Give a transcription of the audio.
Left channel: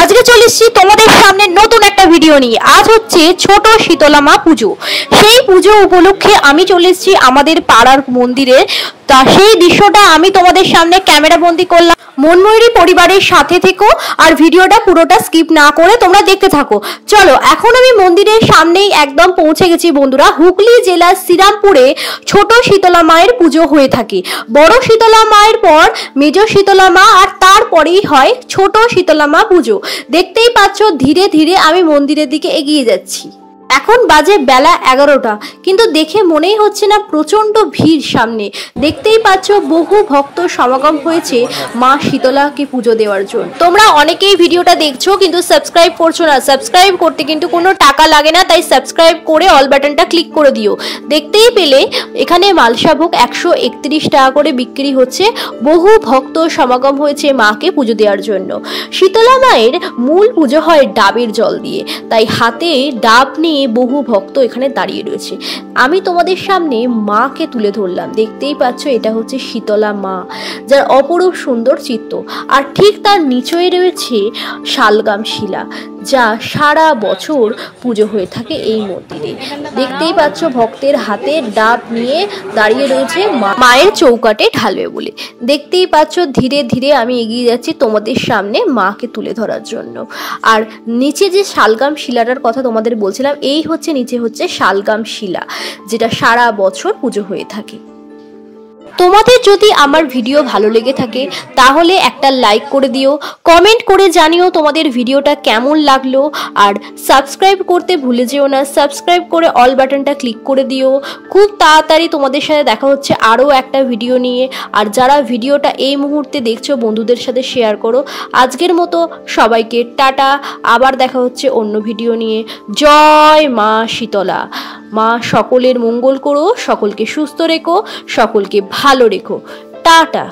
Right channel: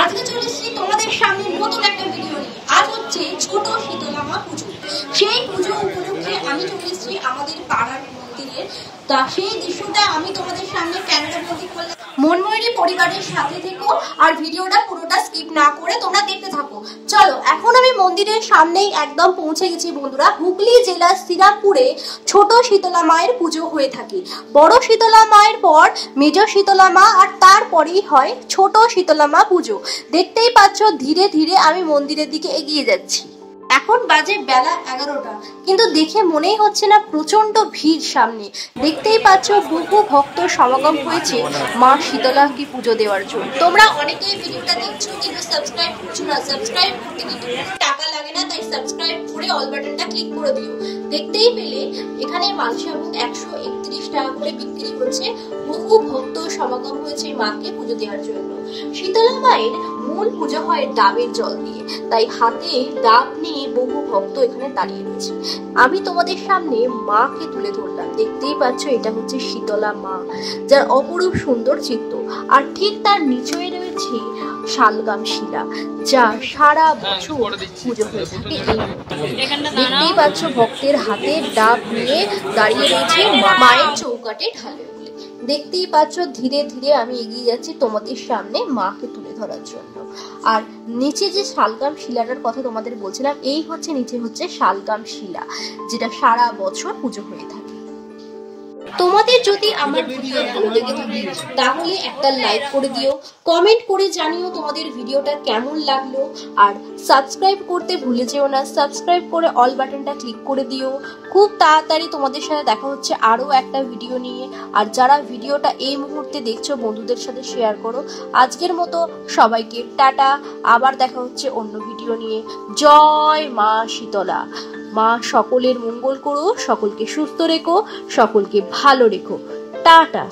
আজকে চলে এসেছি তোমাদের সামনে নতুন একটা ভিডিও নিয়ে। আজ হচ্ছে ছোট শীতলা মা পুজো। সেই পুজো উপলক্ষে আমি চলে এসেছি আমাদের পাড়ার মন্দিরে। তা সেই দৃশ্যটা আমি তোমাদের সামনে ক্যামেরা বন্দি করলাম। মনময়ূরী পরিবারের সাথে থেকো আর ভিডিওটা পুরোটা স্কিপ না করে তোমরা দেখতে থাকো। চলো, এখন আমি মন্দিরের সামনেই একদম পৌঁছে গেছি বন্ধুরা। হুগলি জেলার শ্রীরামপুরে ছোট শীতলা মায়ের পুজো হয়ে থাকে। বড় শীতলা মায়ের পর মেজ শীতলা মা, আর তারপরেই হয় ছোট শীতলা মা পুজো। দেখতেই পাচ্ছ ধীরে ধীরে আমি মন্দিরের দিকে এগিয়ে যাচ্ছি। এখন বাজে বেলা 11টা, কিন্তু দেখে মনেই হচ্ছে না প্রচন্ড ভিড় সামনে। দেখতেই পাচ্ছ বহু ভক্ত সমাগম হয়েছে মা শীতলাকে পুজো দেওয়ার জন্য। তোমরা অনেকেই ভিডিওটা দেখছো কিন্তু সাবস্ক্রাইব করছো না। সাবস্ক্রাইব করতে কিন্তু কোনো টাকা লাগে না, তাই সাবস্ক্রাইব করে অল বাটনটা ক্লিক করে দিও। দেখতেই পেলে এখানে মালসাভোগ 131 টাকা করে বিক্রি হচ্ছে। বহু ভক্ত সমাগম হয়েছে মাকে পুজো দেওয়ার জন্য। শীতলা মায়ের মূল পুজো হয় ডাবের জল দিয়ে, তাই হাতে ডাব নিয়ে বহু ভক্ত এখানে দাঁড়িয়ে রয়েছে। আমি তোমাদের সামনে মাকে তুলে ধরলাম। দেখতেই পাচ্ছ এটা হচ্ছে শীতলা মা, যার অপরূপ সুন্দর চিত্র। আর ঠিক তার নিচেই রয়েছে শালগ্রাম শিলা, যা সারা বছর পুজো হয়ে থাকে এই মন্দিরে। দেখতেই পাচ্ছ ভক্তের হাতে ডাব নিয়ে দাঁড়িয়ে রয়েছে মায়ের চৌকাটে ঢালবে বলে। দেখতেই পাচ্ছ ধীরে ধীরে আমি এগিয়ে যাচ্ছি তোমাদের সামনে মাকে তুলে ধরার জন্য। আর নিচে যে শালগ্রাম শিলাটার কথা তোমাদের বলছিলাম, এই হচ্ছে নিচে হচ্ছে শালগ্রাম শিলা, যেটা সারা বছর পুজো হয়ে থাকে। তোমাদের যদি আমার ভিডিও ভালো লেগে থাকে তাহলে একটা লাইক করে দিও, কমেন্ট করে জানিও তোমাদের ভিডিওটা কেমন লাগলো। আর সাবস্ক্রাইব করতে ভুলে যেও না। সাবস্ক্রাইব করে অল বাটনটা ক্লিক করে দিও। খুব তাড়াতাড়ি তোমাদের সাথে দেখা হচ্ছে আরও একটা ভিডিও নিয়ে। আর যারা ভিডিওটা এই মুহূর্তে দেখছো বন্ধুদের সাথে শেয়ার করো। আজকের মতো সবাইকে টাটা, আবার দেখা হচ্ছে অন্য ভিডিও নিয়ে। জয় মা শীতলা। মা সকলের মঙ্গল করো, সকলকে সুস্থ রেখো, সকলকে ভালো রেখো। টাটা।